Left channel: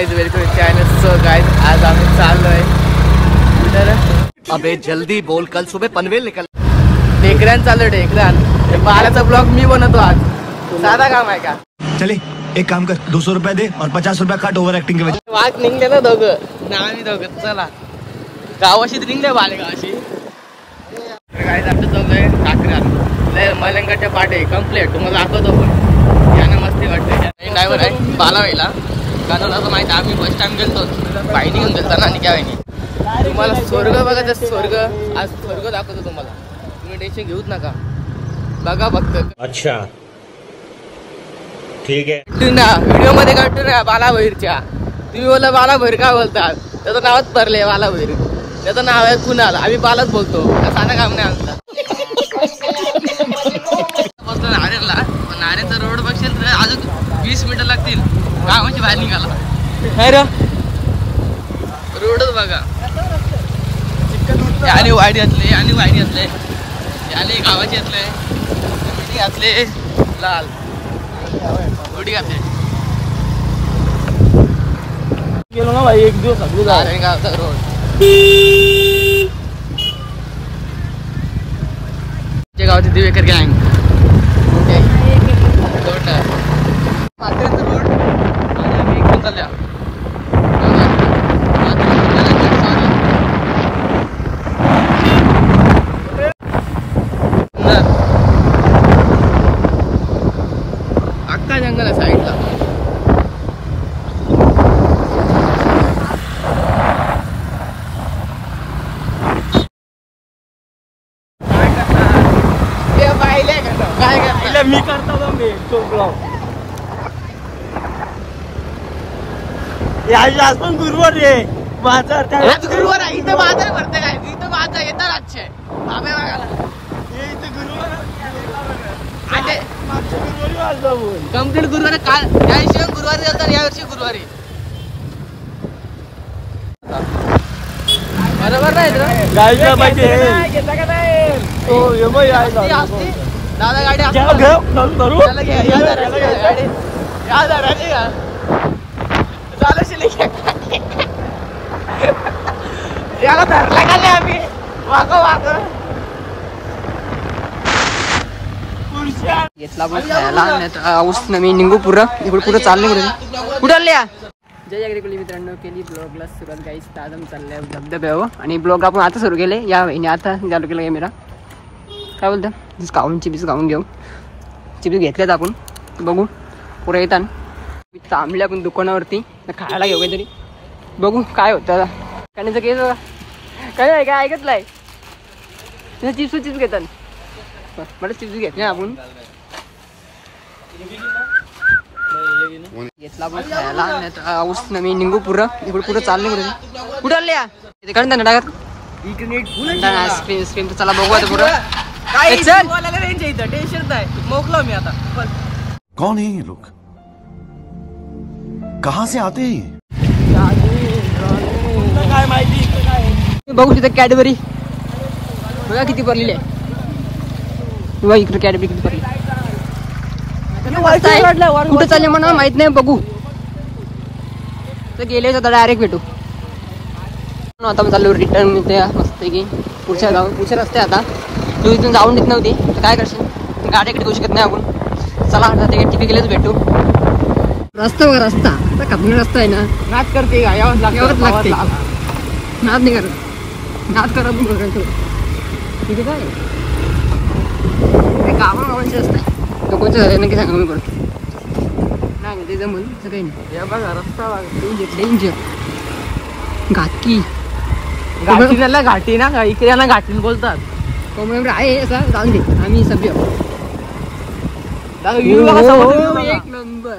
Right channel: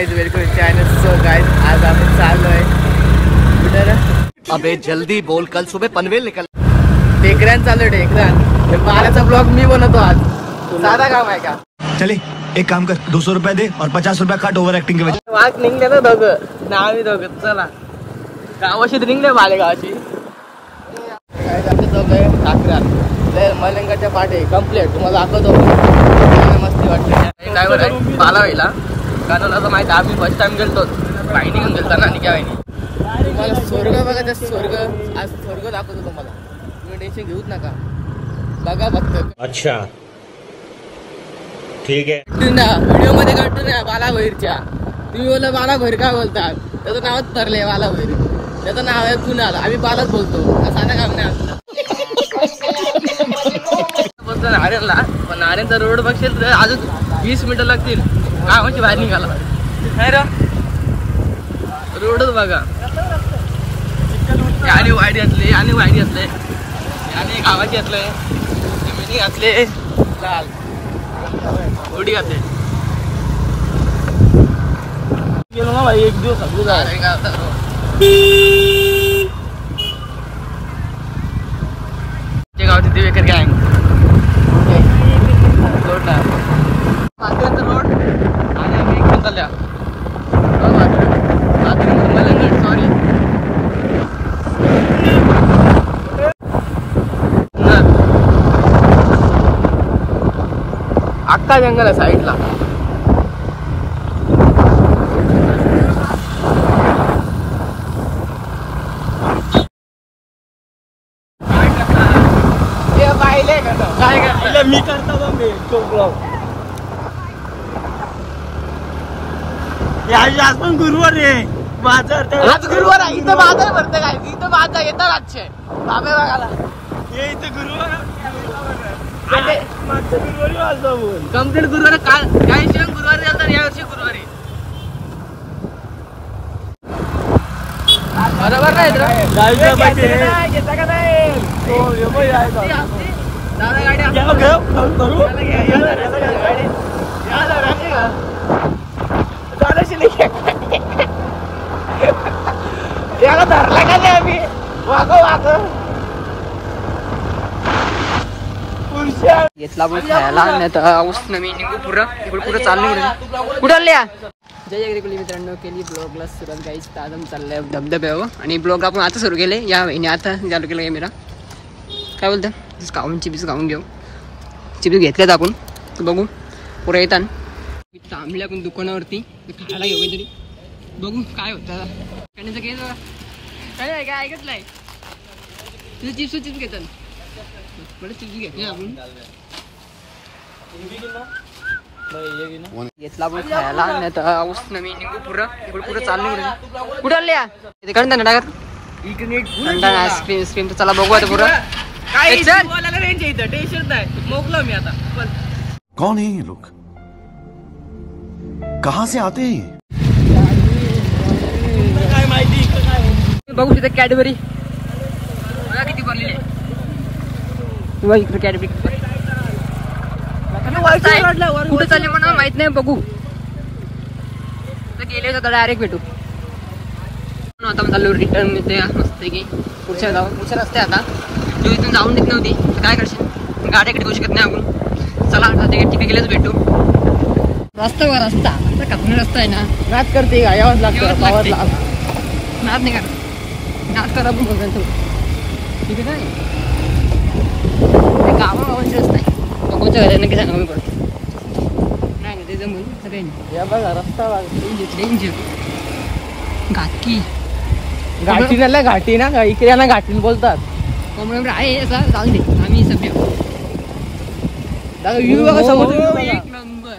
Guys welcome to channel. So guys आज आम्ही चाललोय कुठे? अबे जल्दी बोल, कल सुबह पनवेल निकल। टेकऱ्यान चाललोय टेकऱ्यान। बालाचा ब्लॉग मी बनवतो आज। साधा काम आहे का? चले एक काम कर, 200 रुपए दे और 50 रुपये काट ओव्हर ऍक्टिंग के वजह। वाघ निघले ना दोघं ना, आम्ही दोघं चला गावाशी निघले बालेगावाशी। गाइस आमचं दोघं ठाकऱ्यात मलंगाच्या पाटे कम्प्लीट तुम्हाला दाखवतो। मस्ती वाटते। ड्रायव्हर आहे बालावाईला, कारण असं माहिती आम्ही फर्स्ट टाइम गेलतो बाईने घेऊन गेलता ना, आणि काय माहिती तुम्हाला स्वर्ग बघायचं, स्वर्ग आज स्वर्ग दाखवतो तुम्हाला, तुम्ही टेन्शन घेऊच नका, बघा फक्त। अच्छा ठीक आहे व्हिडिओ मध्ये काढतो ना बालाभैरच्या, तुम्ही बोला बालाभैर काय बोलतात, त्याचं नावच पडले बालाभैर, त्याचं नाव आहे कुणाल, आम्ही बालाच बोलतो, साधा काम नाही आमचं। बसलो नारायणला, पण नारायणचा रोड बघशील तर अजून 20 मिनिटं लागतील कामाची बाहेर निघाला। रोडच बघा, याने वाईट घातले, याने वाईट घातले, याने गावाची घातले, मिठी घातले, लाल उडी घातले। गेलो ना भाई, एक दिवस गावचा रोड गावाची दिवेकर गँग रोड रोड चालल्या सॉरी आत्ता जंगल आहे साईडला। काय करता मी करतो मी आज पण गुरुवार आहे माझा, आज गुरुवार आहे, इथं माझा भरते काय, इथं माझा येतात आजचे बाबे बघायला, हे इथं गुरुवार कम्प्लीट गुरुवार काल या वर्षी गुरुवारी जातात, या वर्षी गुरुवारी बरोबर नाही जायला पाहिजे। दादा गाडी याला धरला का नाही आम्ही, घेतला पण खायला, नाही तर औषध मी निघू पुरं इकडे पुरं चाललं कुठं आल्या। जय अग्रिकुली मित्रांनो, केली ब्लॉगला सुरुवात गाईस, ताजम चाललंय धबधब्यावर, आणि ब्लॉग आपण आता सुरू केले या महिने, आता चालू केलं कॅमेरा, काय बोलतं खाऊन चिप्स खाऊन घेऊ, चिप्स घेतल्यात आपण तर बघू पुढे येतात। मी थांबले आपण दुकानावरती खायला घेऊ काहीतरी, बघू काय होतं कारण केस काय नाही काय ऐकत नाही, चिप्स घेतात मला चिप्स घेतले आपण, घेतला पण खायला, नाही तर औषध मी निघू पुरं इकडे पुरं चाललं कुठं आल्या ते काढून ना डागर आईस्क्रीम स्क्रीम, तर चला बघू आता पुरं काय टेन्शन नाही, मोकलो मी आता। कौन है ये लोग, कहाँ से आते हैं? काय माहिती बघू तिथे कॅडबरी बघा किती भरलेली आहे, इकडे कॅडबरी किती भरली, कुठे चालले म्हणा माहित नाही, बघू तर गेले तर डायरेक्ट भेटू। आता पण चालू रिटर्न इथे मस्त की पुढच्या रस्ते, आता तू इथून जाऊन देत नव्हती तर काय करशील, गाड्याकडे देऊ शकत नाही आपण, चला आता तिकडे गेलेच भेटू। रस्ता बघा, रस्ता कापून रस्ता आहे ना, नाच करते यावंच लागतं, नाच नाही करत, नाच करा पण बघा तिथे काय गावागावांचे रस्ता आहे, कोणत्या घरात नक्की सांगा मी पडतो नाही ते जमून असं काही नाही। या बघा रस्ता डेंजर घाटकी घाटी झालं, घाटी ना इकडे ना घाटी बोलतात, आहे असं जाऊन दे आम्ही सभ्य एक नंबर।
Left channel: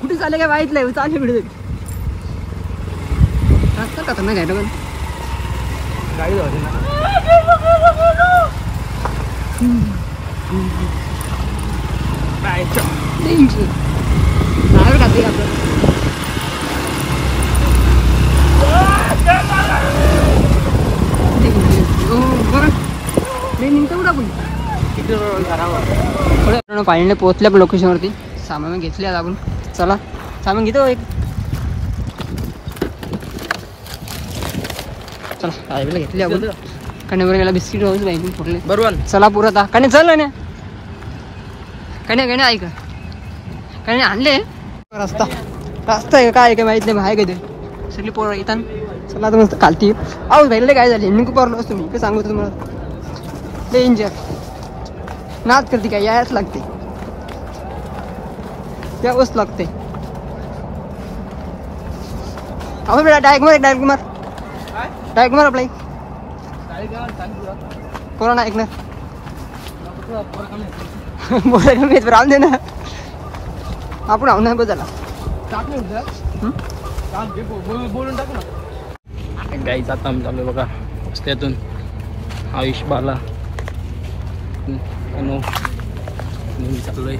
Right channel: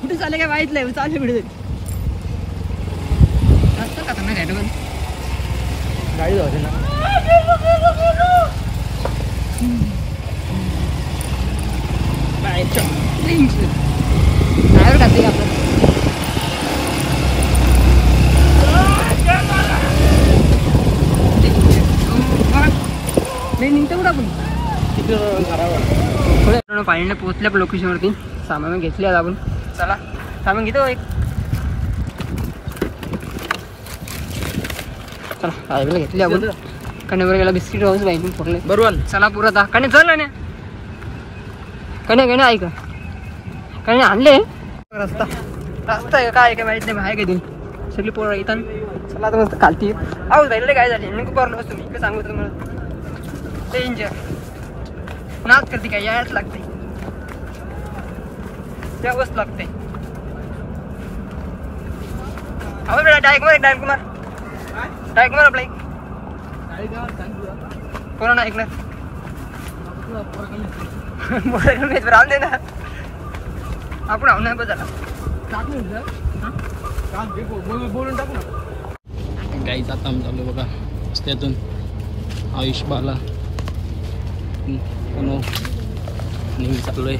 कुठे चालले काय माहित नाही, चालले मिळत रस्ता का ना घाट पण गाडी जाते ना, ड्रायव्हर खाते का आपलं नाही निघतो कुठं आपण तिकडे घरावर फायनली पोहोचल्या लोकेशनवरती, सामान घेतले आता आपण. चला सामान घेतो एक. चला हायवेला घेतली आपण. कन्यावर गेला बिस्किट राहून बँकिंग पडले बरोबर. चला पुरा आता कन्या चल ना कन्या कन्या ऐक कन्या आणले. रस्ता रस्ता आहे काय ते माहित नाही बाहेर काय ते सगळी पोरं येतात सगळ्यात मस्त खालती. अहो भेटले काय झाले निकू पोरलं बसतो मी काय सांगू तुम्हाला. डेंजर नाच करते काय यायच लागते त्या गोष्ट लागते. आपण डायरेक्ट मार डायरेक्ट मार डायरेक्ट मार आपला कोणा ऐकणार राहून दे ना आपण आव नाही बदला बोलून टाकू ना. गाईचा काम चालू बघा रस्त्यातून आयुष बाला नेहमी चाललोय.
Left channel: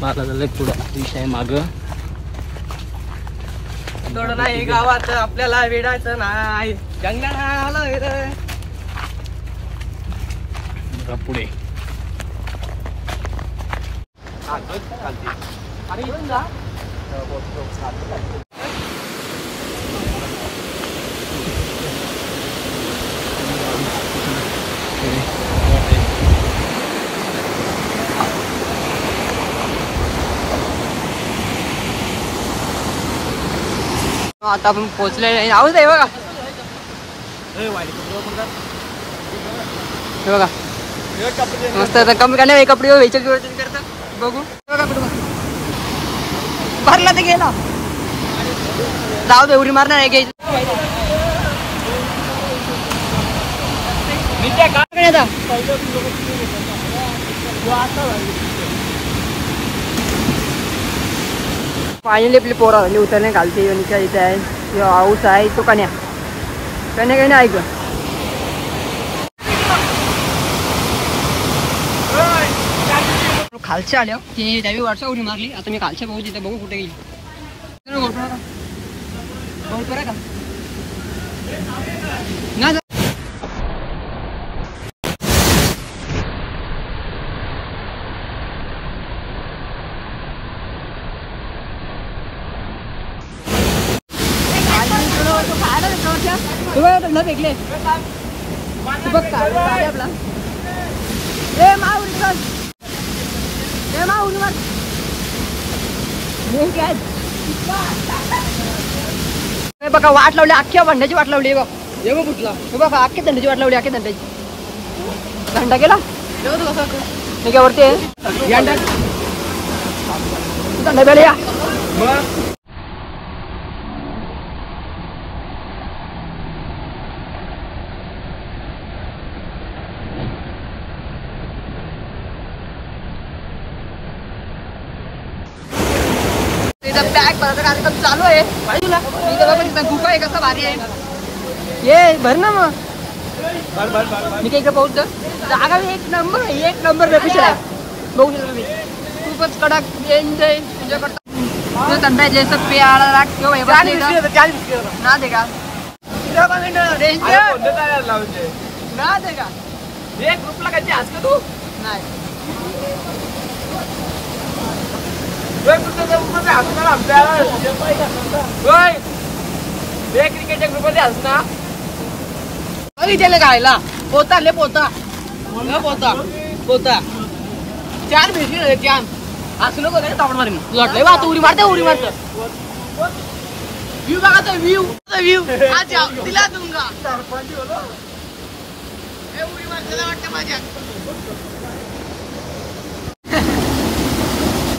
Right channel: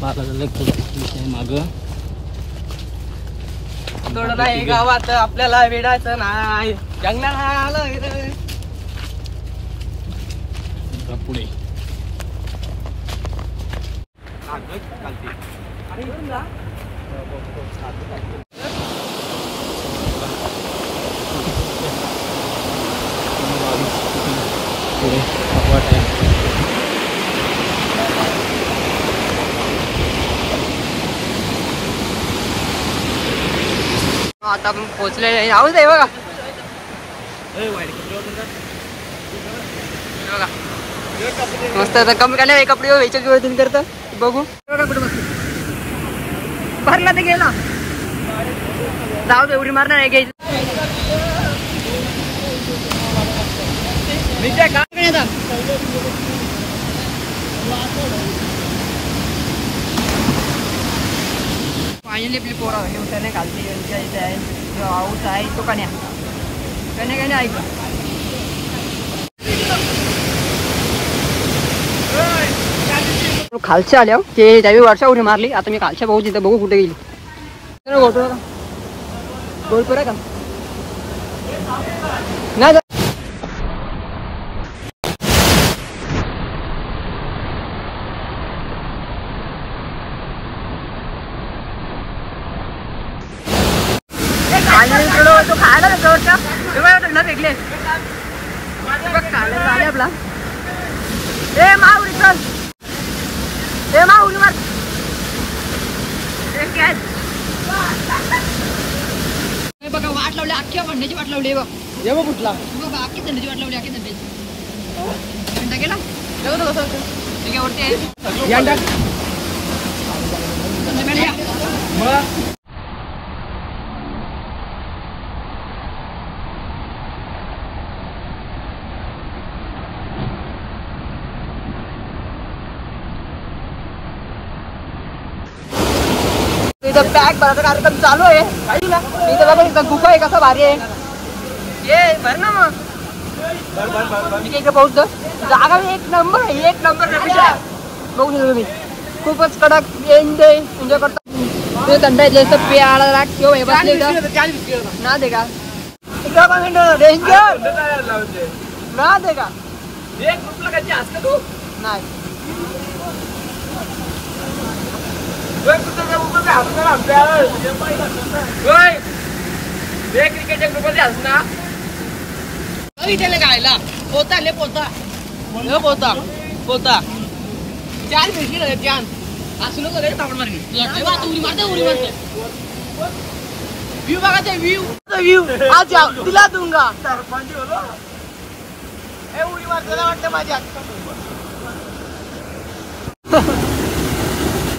बाला झालंय पुढं विषय माग. थोडं नाही गावात आपल्याला वेडायचं नाही जंगलाला पुढे आता आपण पोहोचले आहोत आहे बघा. बघा मस्त आता कमी का नाही कपडे व्हायचे करत बघू बघा कुठे मस्त भरला ते गेला जाऊ दे उडी मारणार आहे घ्यायचं. फायनली आपली पोरा उतरणे घालते इथे आहे हाऊस आहे तो कन्या कन्या कन्या ऐक खालच्या आल्या ते त्यावेळी वर्षा उडी मारली. आता मी खालच्या भाऊ तिथं बघू कुठे गेली. गोलपूर आहे का नाही तो खायला ना भेटले आपला ए माऊली चल ए माऊली मार बघा वाट लावली अख्ख्या भंड्याची वाट लावली बघ. हे बघ कुठला हे बघा अख्ख्या थंडीची वाट लावली अख्ख्या थंड्याची. थंडा गेला वरती थंडा बेला या पॅक भरायचा कार्यक्रम चालू आहे बाजूला. इथं गुफा आहे कसा भारी आहे ये भर ना मग मी त्याचं पोहोचतो. जागा एक नंबर रफिश आहे बघू शकतो तुम्ही. खूपच कडक एन्जॉय करता थंड ना दे का ना दे का नाही क्रिकेटच्या ग्रुपमध्ये असना गायला पोता ले पोता पोता पोता चार भिशी चान असलो बघायला तापड मारेन लटले बा उडी मारते व्ह्यू बघायचं व्ह्यू आज दिला दूंगा उडी मारते वाटतं माझ्या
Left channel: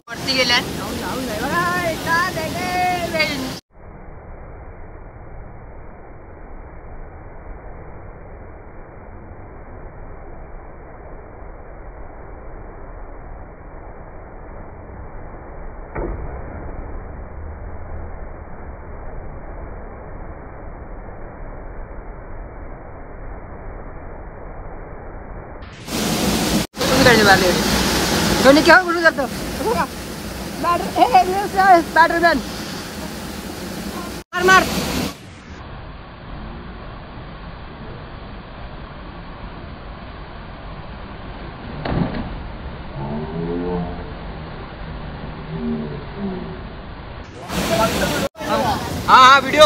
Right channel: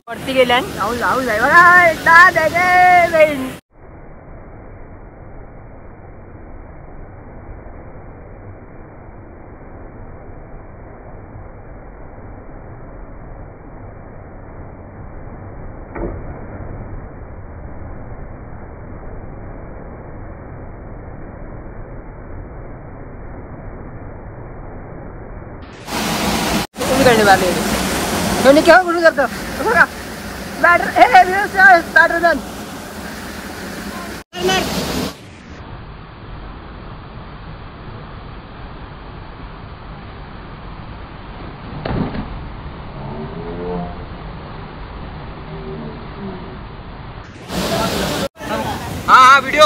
वरती गेल्या जाऊन जाय तुम्ही करणे मारले एवढे केव्हा कुठून करतो बघा बैटर मार हा व्हिडिओ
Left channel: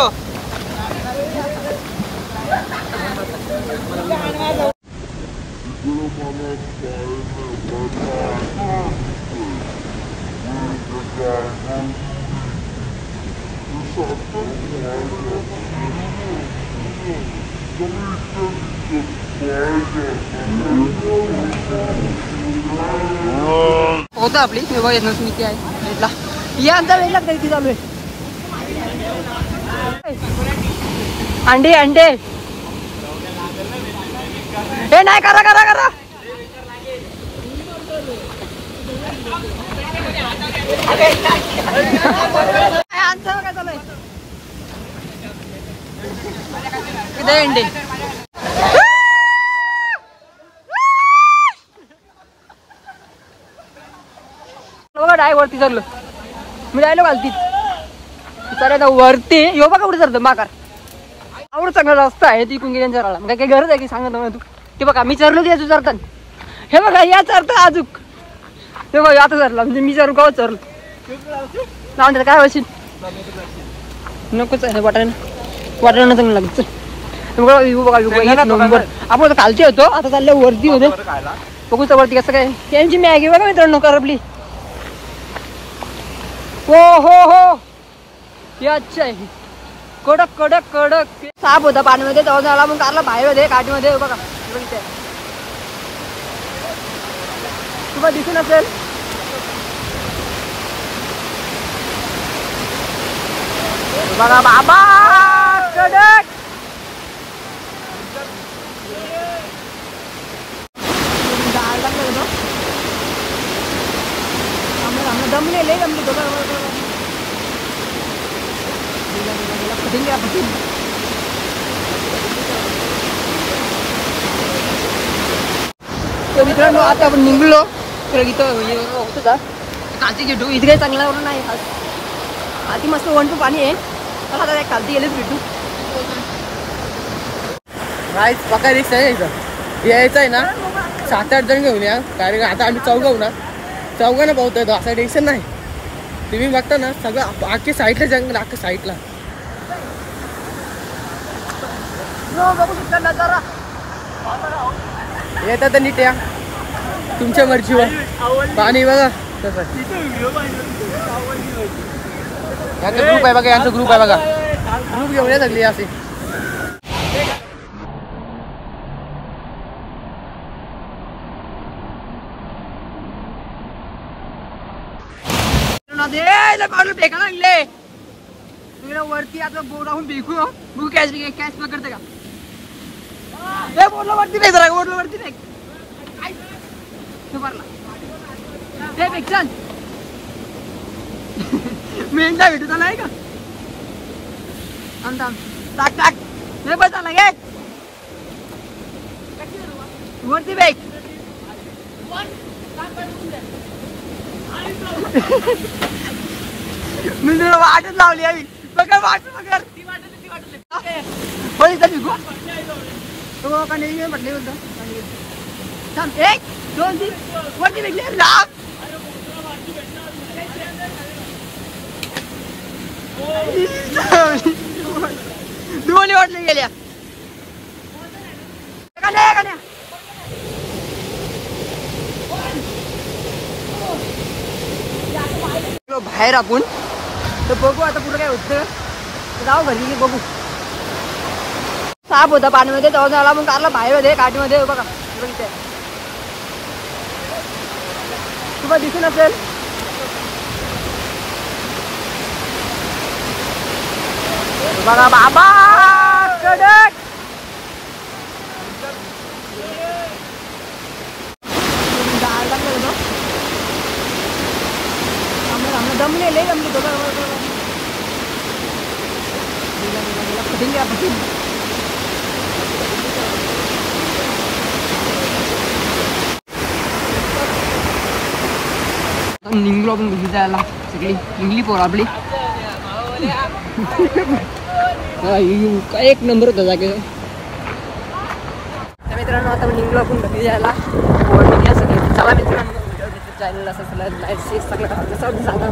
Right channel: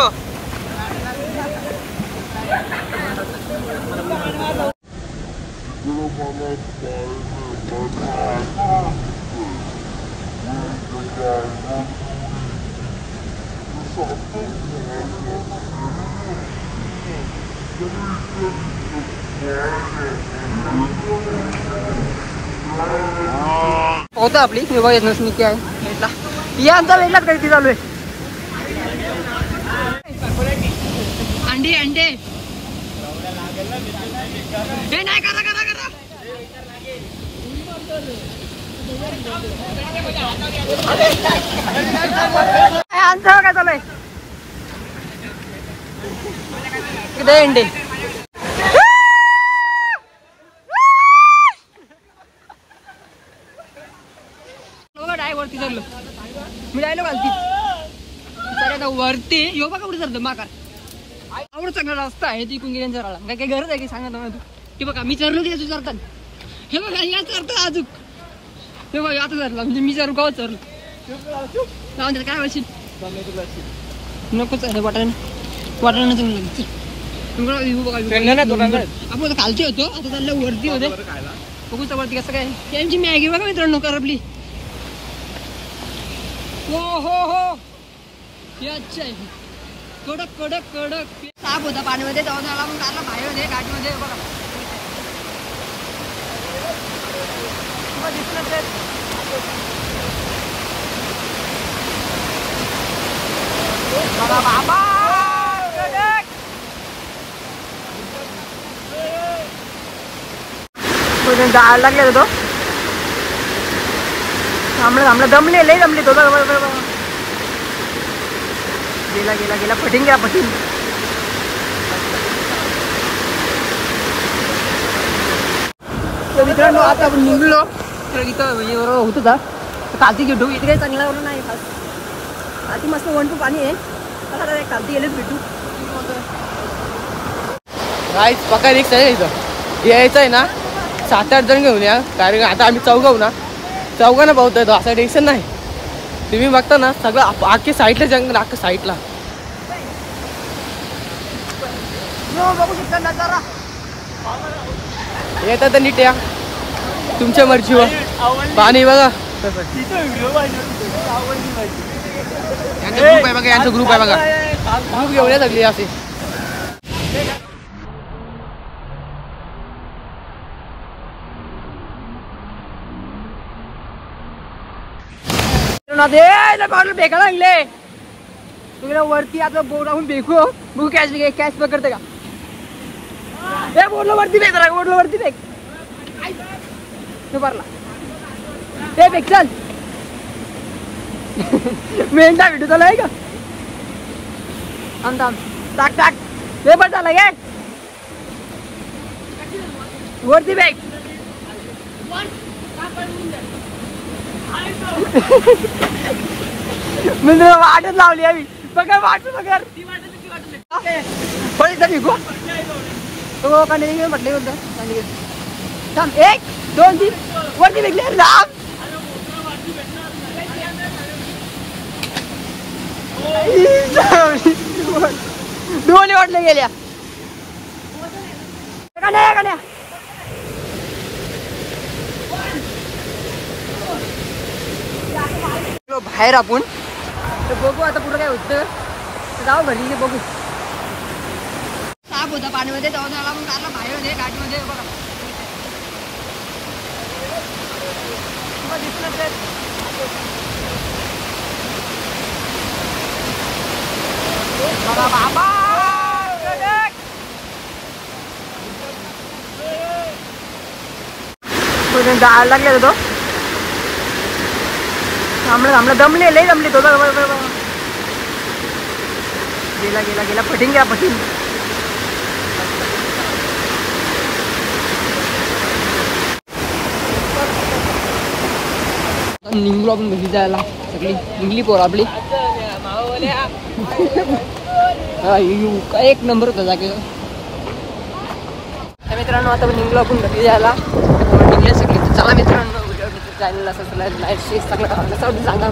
होता आपली मी बघ येत नसून क्या भेटला या अंतर वेगळा तरी चालू आहे. अंडे अंडे हे नाही करा करा करा अंतर काय चालू आहे किती अंडे बघा डाय वरती चाललो मी जायलो घालती तर आता वरती यो बघा कुठे चालतं माकार आवड चांगला रस्ता आहे तिकून गेल्या चराला काय काही गरज आहे की सांगत तू ते बघा मी चरलो की याचं चरतात हे बघा या चरतं अजूक हे बघा आता चरला म्हणजे मी चरू गाव चरलो लावून त्याला काय वशील नकोच वाटायला वाटायला चांगलं लागेल बघा आपण खालती होतो आता चालल्या वरती होते बघू तर वरती कसं काय त्यांची मॅगी बघा मित्रांनो करपली हो हो हो हे अच्छा आहे कडक कडक कडक साप होता पाण्यामध्ये तेव्हा झाला मग कारला बाहेर होते काठीमध्ये बघा दिसून असेल बघा बाबा कडक गाळ लागले तो थांबलं दमले लय दमले तो गेला गेला गेला पटीन गेला पटीन तर मित्रांनो आता आपण निघलो तर इथं होतो ना कालती घेतो इथे काही चांगला नाही कालती मस्त वन टू पाणी आहे चला आता कालती गेलेच भेटू राईस पका रिक्स आहे इथं यायचं आहे ना 7-8 जण घेऊन या कारण आता आम्ही चौघाऊ ना चौघांना पाहतोय तो असं टेन्शन नाही तुम्ही बघता ना सगळं आखे साईडला जंगल अख्खं साईडला येतात तर नीट या तुमच्या मर्जीवर पाणी बघा यांचा ग्रुप आहे बघा यांचा ग्रुप आहे बघा ग्रुप घेऊन या सगळी असे बॉटल फेका लागले तुला वरती आता बोट राहून फेकू बघू कॅश कॅश पकडते का हे बोटला वरती फेक जरा बोटला वरती फेक भरला ते फेक चल मेंढा भेटू त्याला आहे का थांब थांब टाक टाक हे पण झाला गे वरती फेक मी तुला वाटच लावली आहे पकड वाट पकड विकू म्हटले थांब 1 2 3 वरती विकले राम दोन्ही वाटले गेल्या बाहेर आपण तर बघू आता पुढे काय होतं जाऊ घरी बघू साप होता पाण्यामध्ये तेव्हा झाला मग कारला बाहेर होते काठीमध्ये बघा दिसून असेल बघा बाबा कडक गाळ लागले तो थांबलं दमले लय दमले तो गेला गेला गेला पटीन गेला पटीन निघलो आपण घरी जायला सगळी निघली पोर आपली एक नंबर होता जागे मित्रांनो आता निघलो आपण घरी जायला निघल्या सगळी चला मित्रांनो चॅनल असं लाईक शेअर सगळं सांगा